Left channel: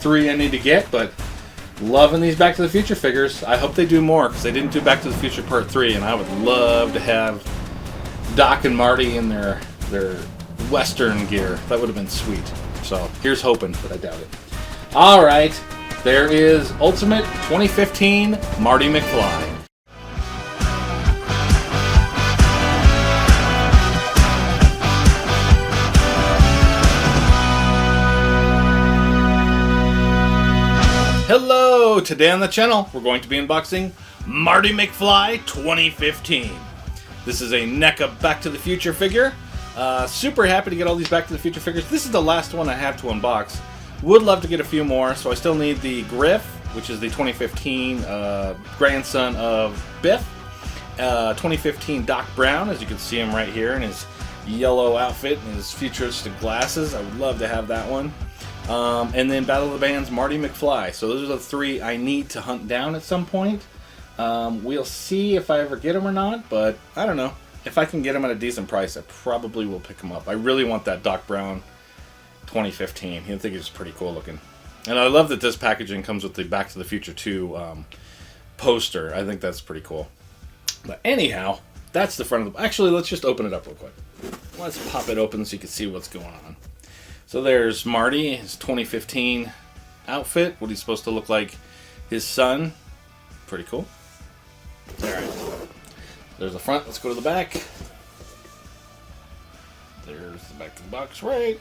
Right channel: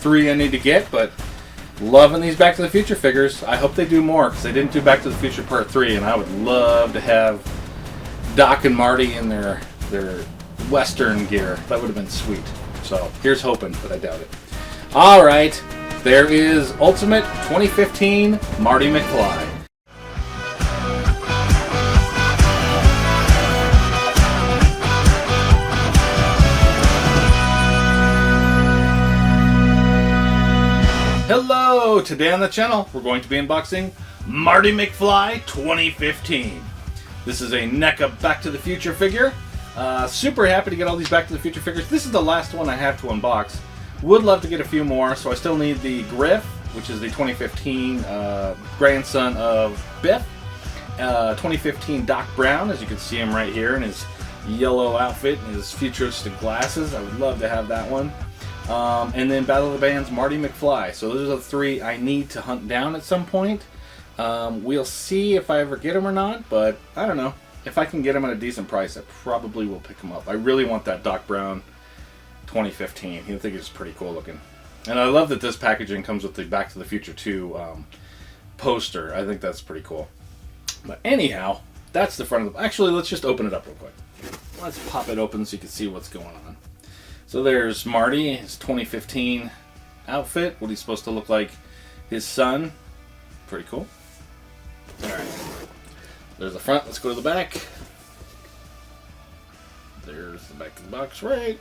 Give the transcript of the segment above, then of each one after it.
3 I need to get, but loving these Back to the Future figures. I hope they do more, because they didn't do Back to the Future Part 3, and I would love to have Doc and Marty in their Western gear. That would have been sweet. So here's hoping, but I doubt it. Alright, there is Ultimate 2015 Marty McFly. Hello! Today on the channel, we're going to be unboxing Marty McFly 2015. This is a NECA Back to the Future figure. Super happy to get all these Back to the Future figures. This is the last one I have to unbox. Would love to get a few more, so I still need the Griff, which is the 2015 grandson of Biff. 2015 Doc Brown, as you can see him right here in his yellow outfit and his futuristic glasses. I would love to have that one. And then Battle of the Bands Marty McFly. So those are the 3 I need to hunt down at some point. We'll see if I ever get them or not, but I don't know. If I can get them at a decent price, I probably will pick them up. I really want that Doc Brown 2015. I think it's pretty cool looking. And I love that this packaging comes with the Back to the Future 2 poster. I think that's pretty cool. But anyhow, that's the front of the... Actually, let's just open it up real quick. Here, let's pop it open so you can see what's going on. So there's Marty, his 2015 outfit, what he's supposed to look like his son. Pretty cool. Alright. There's the front. Let's go to the back. There's the back of the box right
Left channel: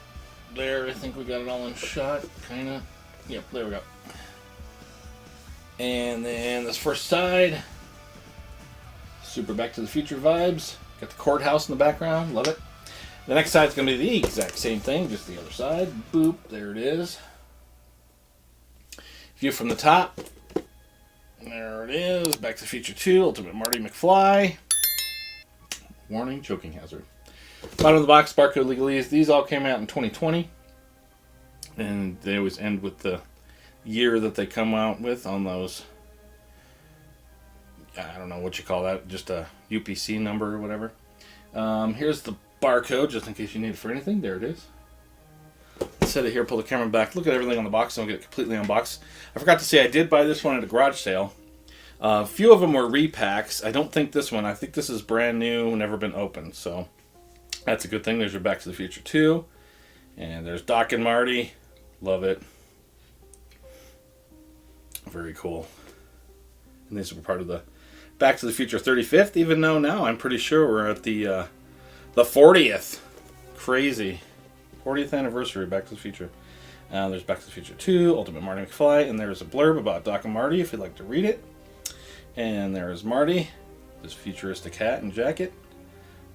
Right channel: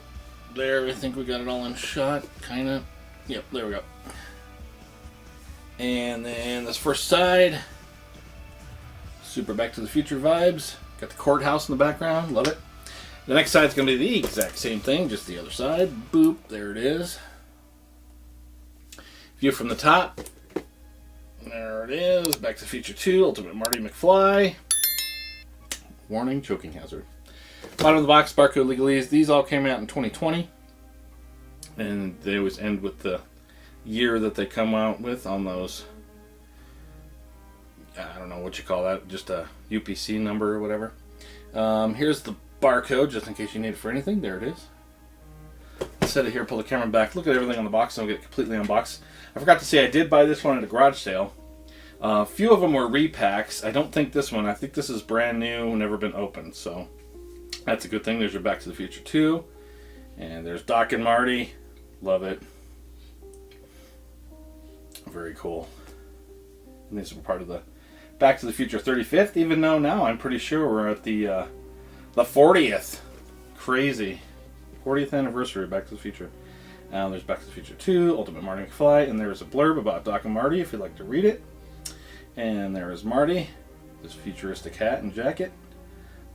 there. I think we got it all in shot, kind of. Yep, there we go. And then this first side. Super Back to the Future vibes. Got the courthouse in the background. Love it. The next side's going to be the exact same thing, just the other side. Boop, there it is. View from the top. There it is. Back to the Future 2, Ultimate Marty McFly. Warning, choking hazard. Bottom of the box, barcode legalese. These all came out in 2020. And they always end with the year that they come out with on those. I don't know what you call that. Just a UPC number or whatever. Here's the barcode, just in case you need it for anything. There it is. Set it here, pull the camera back, look at everything on the box, and we'll get it completely unboxed. I forgot to say I did buy this one at a garage sale. A few of them were repacks. I don't think this one, I think this is brand new, never been opened, so that's a good thing. There's your Back to the Future 2. And there's Doc and Marty. Love it. Very cool. And these were part of the Back to the Future 35th, even though now I'm pretty sure we're at the 40th. Crazy. 40th anniversary of Back to the Future. There's Back to the Future 2, Ultimate Marty McFly, and there's a blurb about Doc and Marty if you'd like to read it. And there is Marty, this futuristic hat and jacket.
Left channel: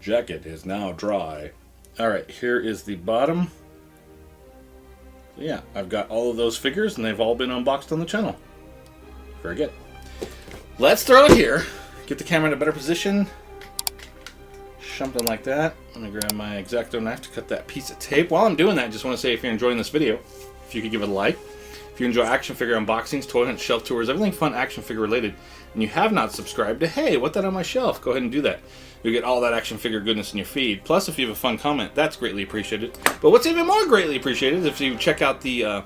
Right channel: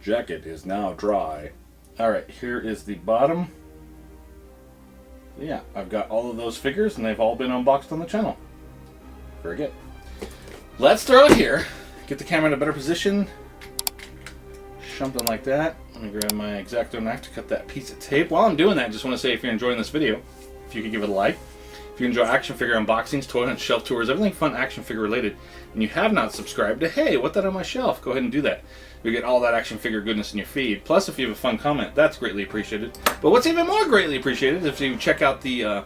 Jacket is now dry. Alright, here is the bottom. Yeah, I've got all of those figures, and they've all been unboxed on the channel. Very good. Let's throw it here. Get the camera in a better position. Something like that. Let me grab my X-Acto knife to cut that piece of tape. While I'm doing that, I just want to say if you're enjoying this video, if you could give it a like. If you enjoy action figure unboxings, toy hunt, shelf tours, everything fun action figure related, and you have not subscribed to Hey, What That On My Shelf, go ahead and do that. You'll get all that action figure goodness in your feed. Plus, if you have a fun comment, that's greatly appreciated. But what's even more greatly appreciated, if you check out the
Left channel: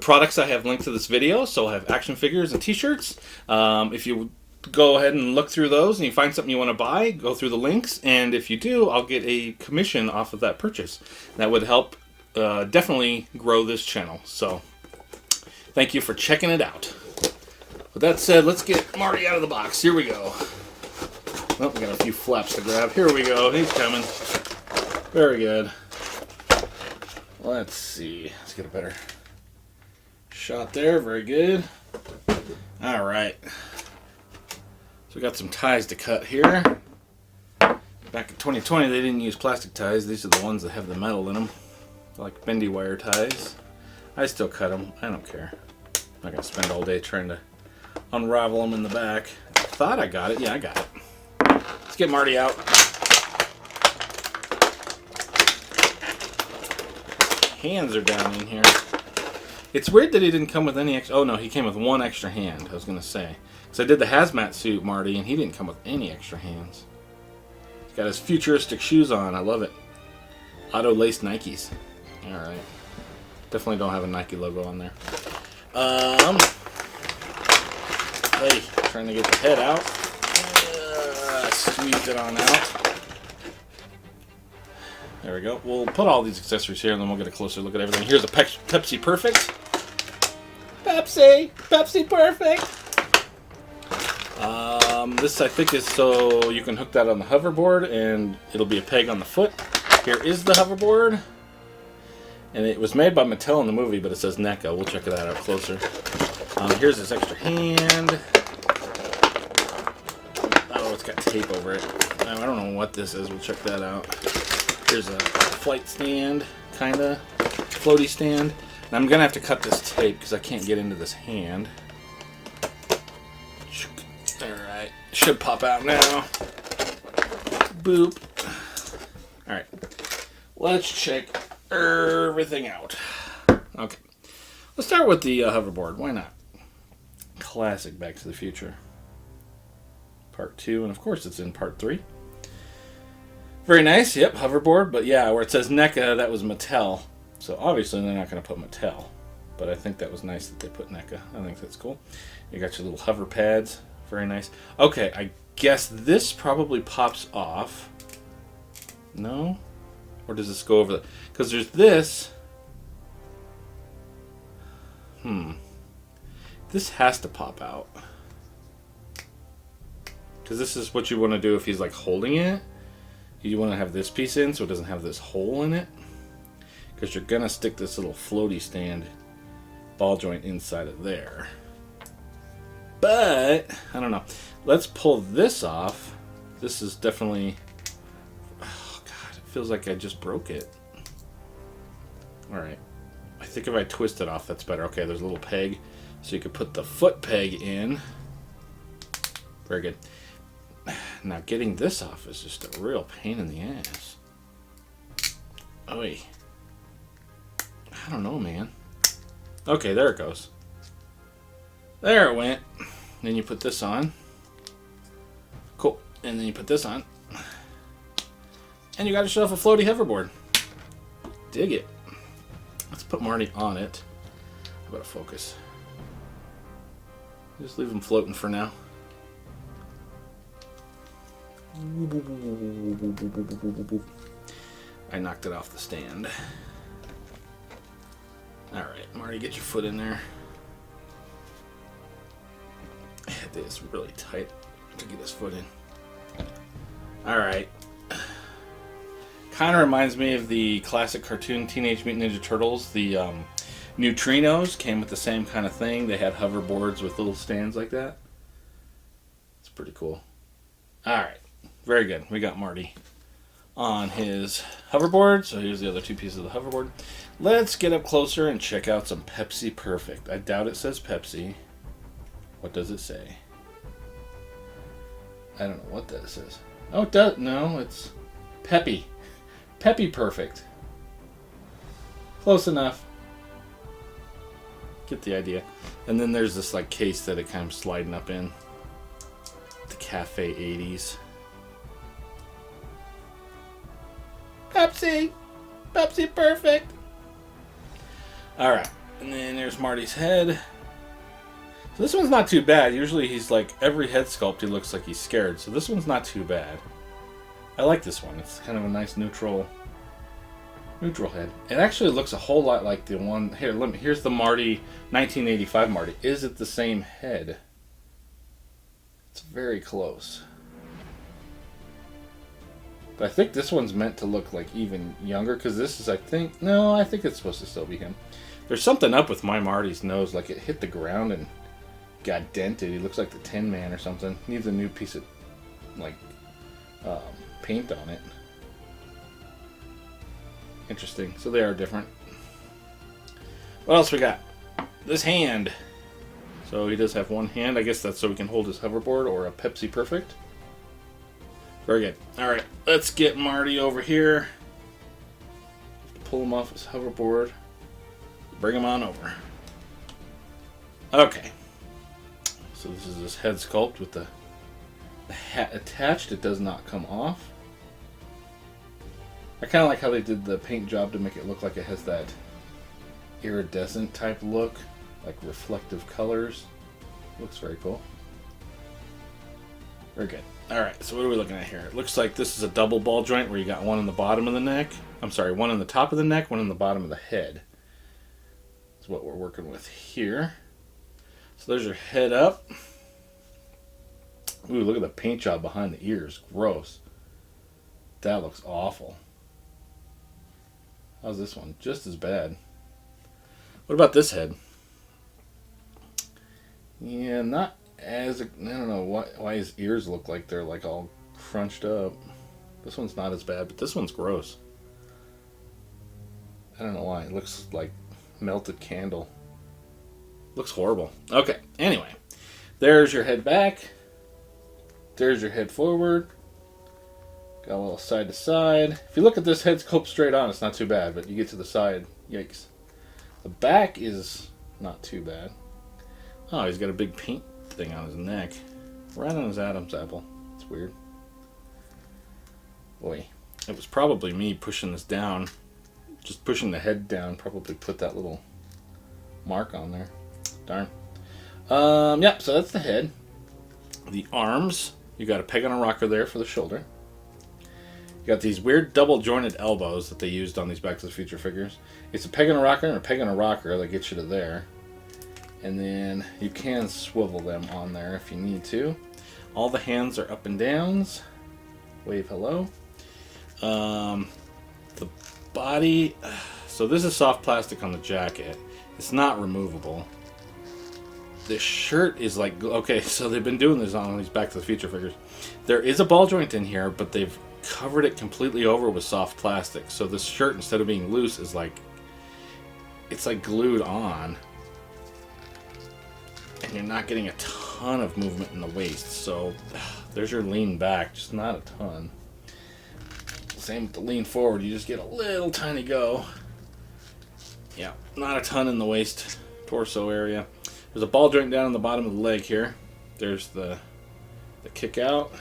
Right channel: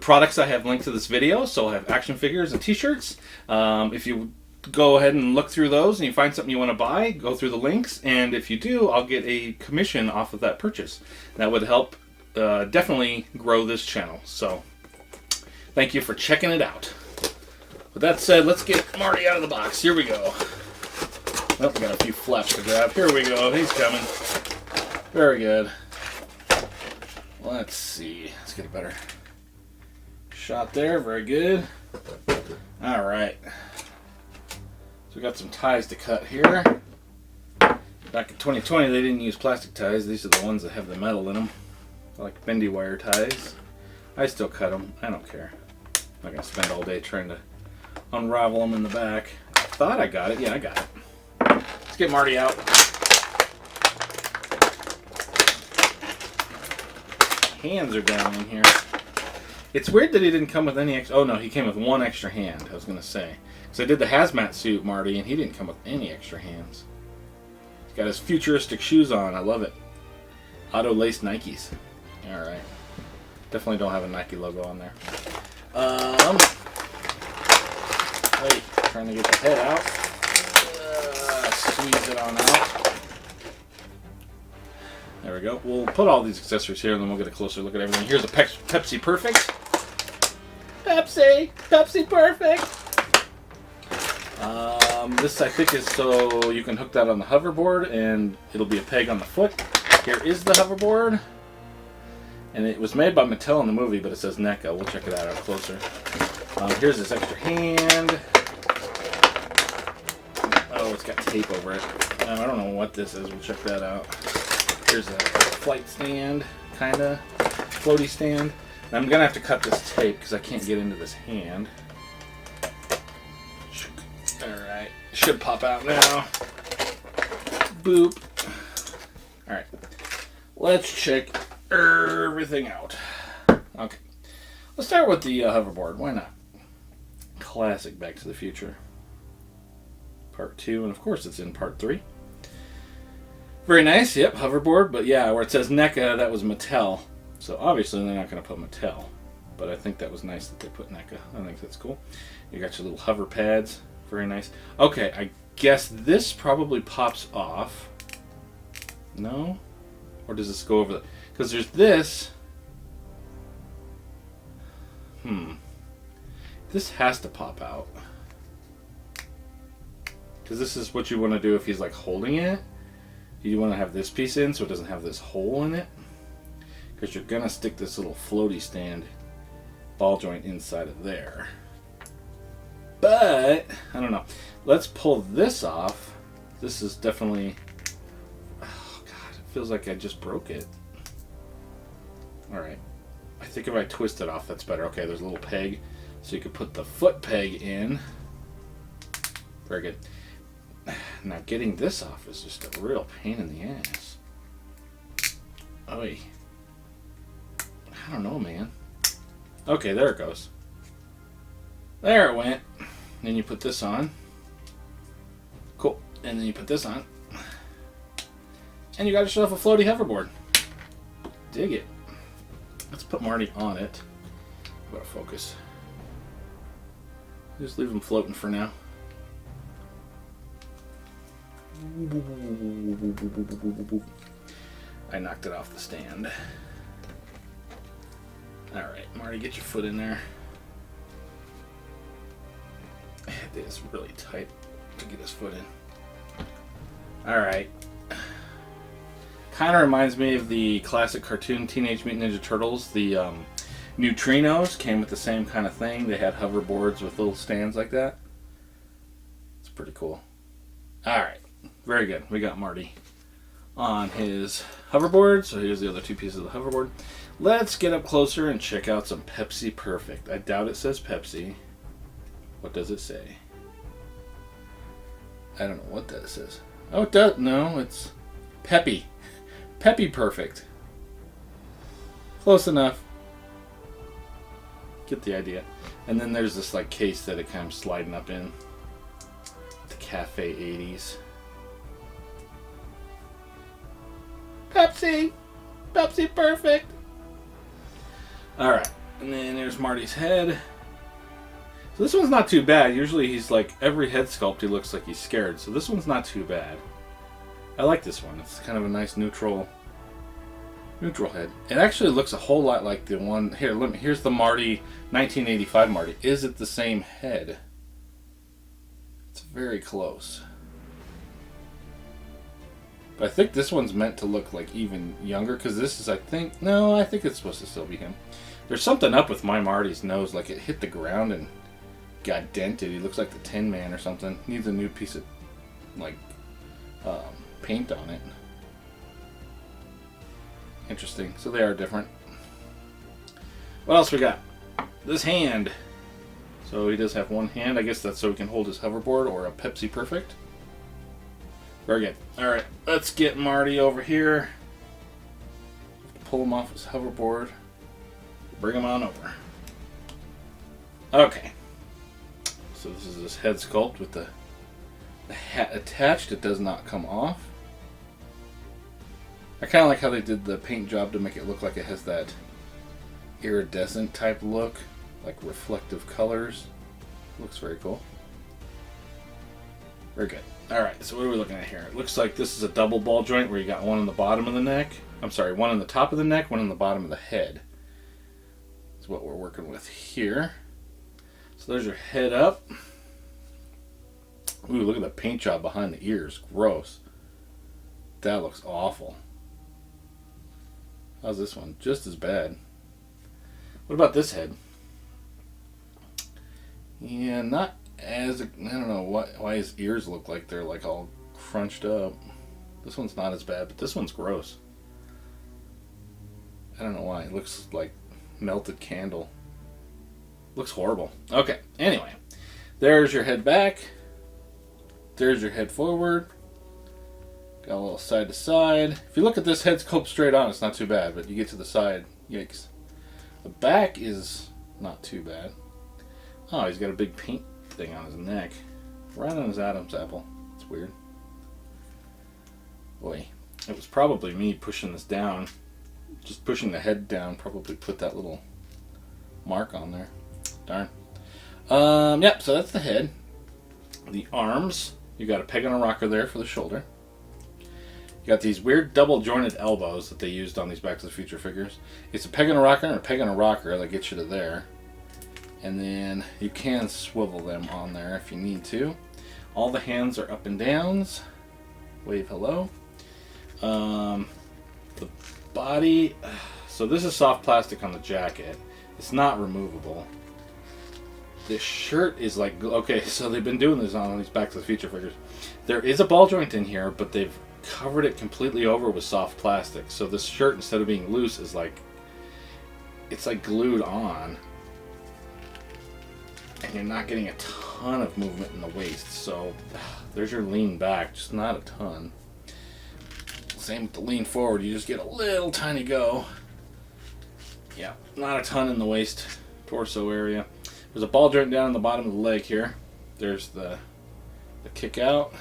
products I have linked to this video. So I'll have action figures and t-shirts. If you go ahead and look through those and you find something you want to buy, go through the links, and if you do, I'll get a commission off of that purchase. That would help definitely grow this channel. So thank you for checking it out. With that said, let's get Marty out of the box. Here we go. Oh, we got a few flaps to grab. Here we go. He's coming. Very good. Let's see. Let's get a better shot there. Very good. All right. So we got some ties to cut here. Back in 2020, they didn't use plastic ties. These are the ones that have the metal in them, like bendy wire ties. I still cut them. I don't care. I'm not gonna spend all day trying to unravel them in the back. Thought I got it. Yeah, I got it. Let's get Marty out. Hands are down in here. It's weird that he didn't come with any extra... Oh no, he came with one extra hand, I was going to say. So I did the hazmat suit, Marty, and he didn't come with any extra hands. He's got his futuristic shoes on. I love it. Auto-laced Nikes. Alright. Definitely don't have a Nike logo on there. Hey, trying to get the head out. Squeeze it on out. There we go. We'll put all these accessories here, and then we'll get a closer look at everything. Here's a Pepsi Perfect. Pepsi Perfect. This I think is so you can hook that on the hoverboard, and it'll be a peg on the foot. Here is the hoverboard, and it was made by Mattel in the movie, but it says NECA. We'll check it out closer. Here's this extra hand. Oh, it's got tape over it. I don't know what this is. We'll check that out. Here's a flight stand, kind of floaty stand. And I'm gonna have to cut this tape because I can't get into this hand. Alright, should pop out now. Boop. Alright, let's check everything out. Okay, let's start with the hoverboard. Why not? Classic Back to the Future. Part 2, and of course it's in Part 3. Very nice, yep, hoverboard, but yeah, where it says NECA, that was Mattel. So obviously they're not going to put Mattel, but I think that was nice that they put NECA. I think that's cool. You got your little hover pads, very nice. Okay, I guess this probably pops off. No? Or does this go over the... Because there's this. This has to pop out. Because this is what you want to do if he's like holding it. You want to have this piece in so it doesn't have this hole in it. Because you're going to stick this little floaty stand ball joint inside of there. But, I don't know. Let's pull this off. This is definitely... Oh, God. It feels like I just broke it. Alright. I think if I twist it off, that's better. Okay, there's a little peg. So you could put the foot peg in. Very good. Now, getting this off is just a real pain in the ass. Oy. I don't know, man. Okay, there it goes. There it went. Then you put this on. Cool. And then you put this on. And you got yourself a floaty hoverboard. Dig it. Let's put Marty on it. How about focus? Just leave him floating for now. I knocked it off the stand. Alright, Marty, get your foot in there. It is really tight to get his foot in. Alright. Kind of reminds me of the classic cartoon Teenage Mutant Ninja Turtles. The Neutrinos came with the same kind of thing. They had hoverboards with little stands like that. It's pretty cool. Alright. Very good. We got Marty on his hoverboard. So here's the other two pieces of the hoverboard. Let's get up closer and check out some Pepsi Perfect. I doubt it says Pepsi. What does it say? I don't know what that says. Oh, it does. No, it's Peppy. Peppy Perfect. Close enough. Get the idea. And then there's this like case that it kind of sliding up in. The Cafe 80s. Pepsi! Pepsi Perfect! Alright, and then there's Marty's head. So this one's not too bad. Usually he's like, every head sculpt he looks like he's scared. So this one's not too bad. I like this one. It's kind of a nice neutral head. It actually looks a whole lot like the one... Here, here's the Marty, 1985 Marty. Is it the same head? It's very close. But I think this one's meant to look like even younger, because this is, I think... No, I think it's supposed to still be him. There's something up with my Marty's nose, like it hit the ground and got dented. He looks like the Tin Man or something. Needs a new piece of, like, paint on it. Interesting. So they are different. What else we got? This hand. So he does have one hand. I guess that's so he can hold his hoverboard or a Pepsi Perfect. Very good. Alright, let's get Marty over here. Pull him off his hoverboard. Bring him on over. Okay. So this is this head sculpt with the hat attached. It does not come off. I kind of like how they did the paint job to make it look like it has that iridescent type look, like reflective colors. Looks very cool. Very good. Alright, so what are we looking at here? It looks like this is a double ball joint where you got one in the bottom of the neck. I'm sorry, one on the top of the neck, one on the bottom of the head. That's what we're working with here. So there's your head up. Ooh, look at the paint job behind the ears. Gross. That looks awful. How's this one? Just as bad. What about this head? Yeah, not as... I don't know why his ears look like they're like all crunched up. This one's not as bad, but this one's gross. I don't know why. It looks like melted candle. Looks horrible. Okay, anyway. There's your head back. There's your head forward. Got a little side to side. If you look at this head sculpt straight on, it's not too bad, but you get to the side, yikes. The back is not too bad. Oh, he's got a big paint thing on his neck. Right on his Adam's apple. It's weird. Boy, it was probably me pushing this down. Just pushing the head down probably put that little mark on there. Darn. Yep, so that's the head. The arms, you got a peg and a rocker there for the shoulder. You got these weird double jointed elbows that they used on these Back to the Future figures. It's a peg and a rocker and a peg and a rocker that gets you to there. And then you can swivel them on there if you need to. All the hands are up and downs. Wave hello. The body, so this is soft plastic on the jacket. It's not removable. This shirt is like, okay, so they've been doing this on these Back to the Future figures. There is a ball joint in here, but they've covered it completely over with soft plastic. So this shirt, instead of being loose, is like, it's like glued on. And you're not getting a ton of movement in the waist. So there's your lean back, just not a ton. Same with the lean forward, you just get a little tiny go. Yeah, not a ton in the waist, torso area. There's a ball joint down in the bottom of the leg here. There's the kick out.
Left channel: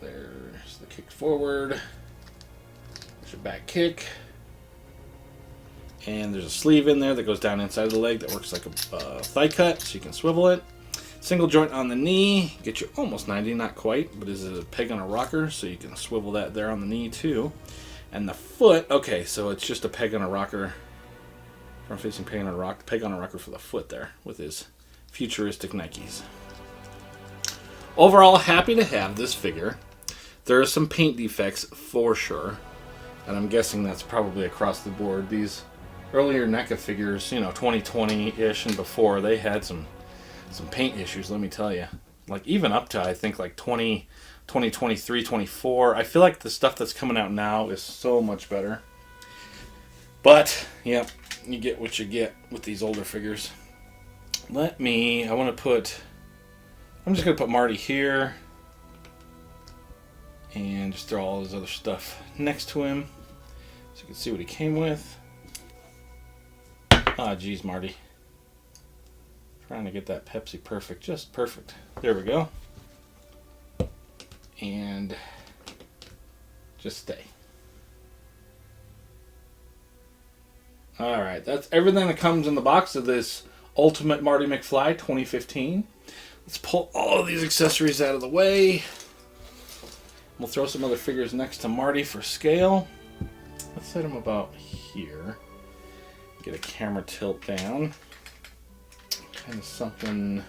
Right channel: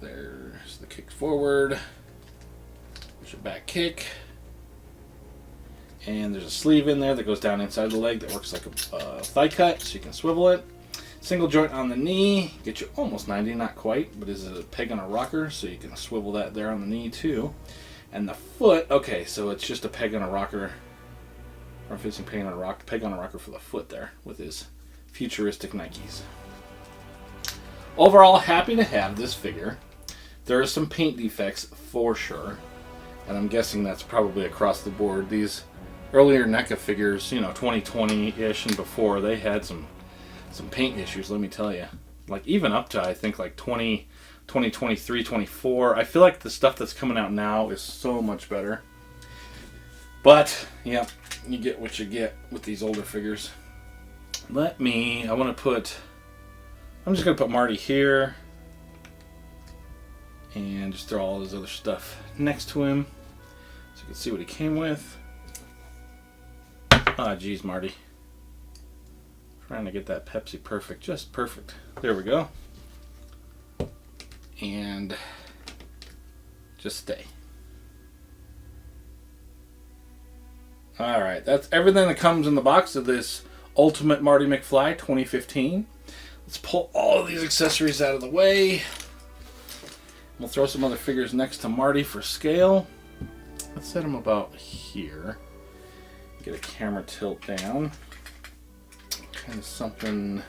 There's the kick forward. There's your back kick. And there's a sleeve in there that goes down inside the leg that works like a thigh cut, so you can swivel it. Single joint on the knee, get you almost 90, not quite, but is it a peg on a rocker, so you can swivel that there on the knee too. And the foot, okay, so it's just a peg on a rocker, front facing peg on a rocker for the foot there with his futuristic Nikes. Overall, happy to have this figure. There are some paint defects for sure, and I'm guessing that's probably across the board. These earlier NECA figures, 2020-ish and before, they had some paint issues, let me tell you. Like, even up to, I think, like 2023, 24. I feel like the stuff that's coming out now is so much better. But, yeah, you get what you get with these older figures. I'm just going to put Marty here. And just throw all his other stuff next to him. So you can see what he came with. Ah, geez, Marty. Trying to get that Pepsi perfect. Just perfect. There we go. And just stay. Alright, that's everything that comes in the box of this Ultimate Marty McFly 2015. Let's pull all of these accessories out of the way. We'll throw some other figures next to Marty for scale. Let's set him about here. Get a camera tilt down. Kind of something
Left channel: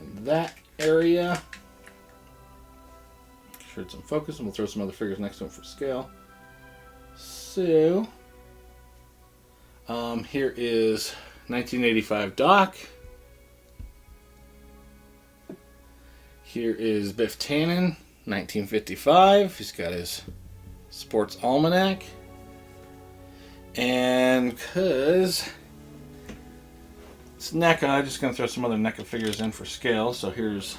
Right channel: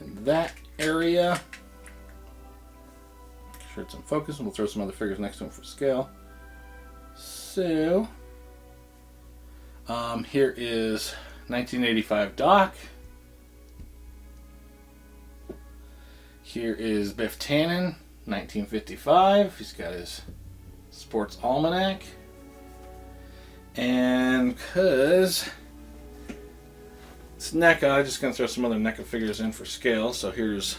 in that area. Make sure it's in focus, and we'll throw some other figures next to him for scale. So, here is 1985 Doc. Here is Biff Tannen, 1955. He's got his sports almanac. And because it's NECA, I'm just going to throw some other NECA figures in for scale. So here's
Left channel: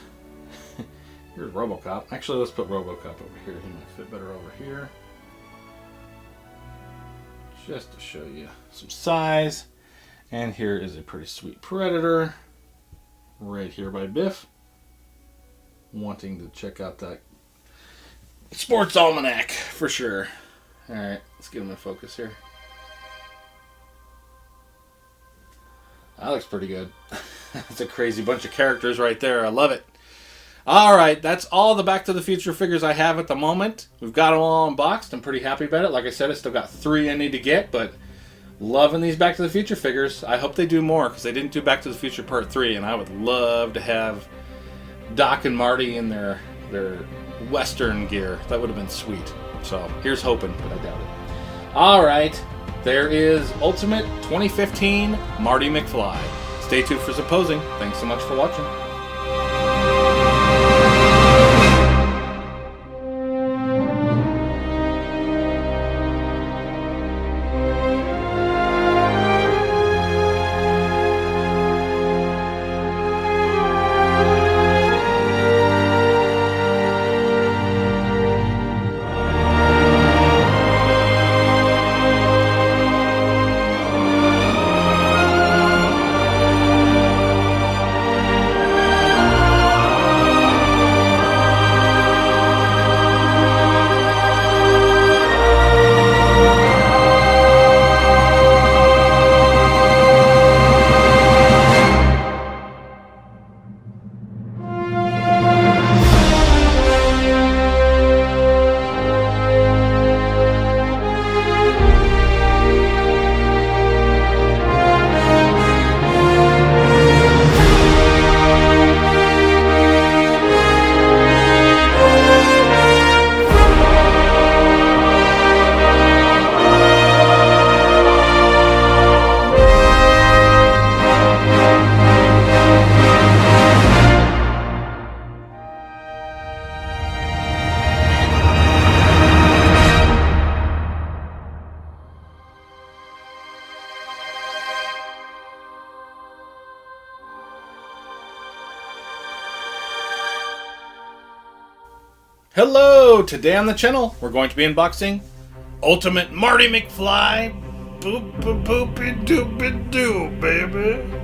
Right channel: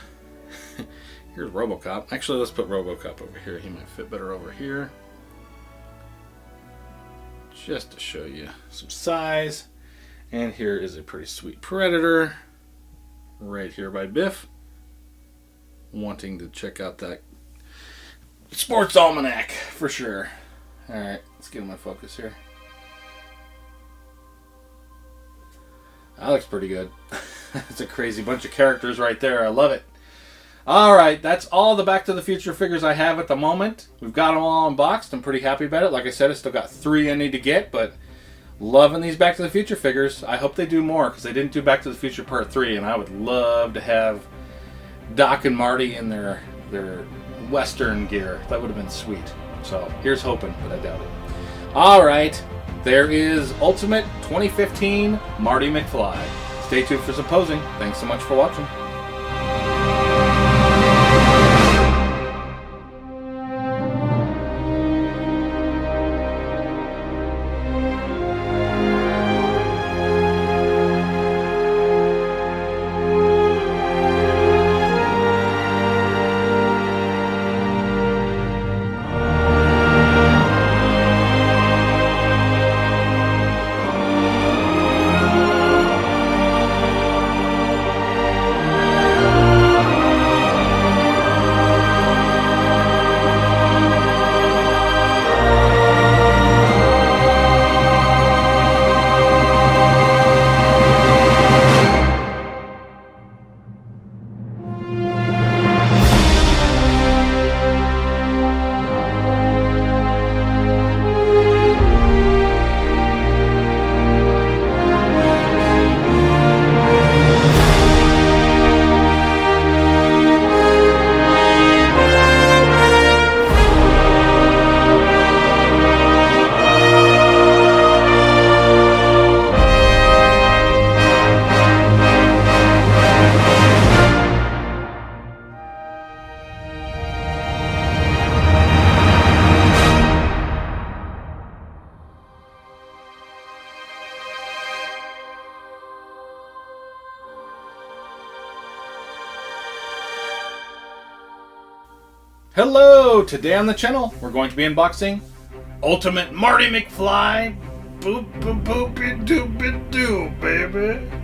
RoboCop. Actually, let's put RoboCop over here. He might fit better over here. Just to show you some size. And here is a pretty sweet Predator right here by Biff. Wanting to check out that sports almanac for sure. Alright, let's get him in focus here. That looks pretty good. It's a crazy bunch of characters right there. I love it. All right, that's all the Back to the Future figures I have at the moment. We've got them all unboxed. I'm pretty happy about it. Like I said, I still got 3 I need to get, but loving these Back to the Future figures. I hope they do more, because they didn't do Back to the Future Part 3, and I would love to have Doc and Marty in their Western gear. That would have been sweet. So here's hoping, but I doubt it. All right, there is Ultimate 2015 Marty McFly. Stay tuned for some posing. Thanks so much for watching. Hello! Today on the channel, we're going to be unboxing Ultimate Marty McFly. Boop boop boopy doopy doo, baby.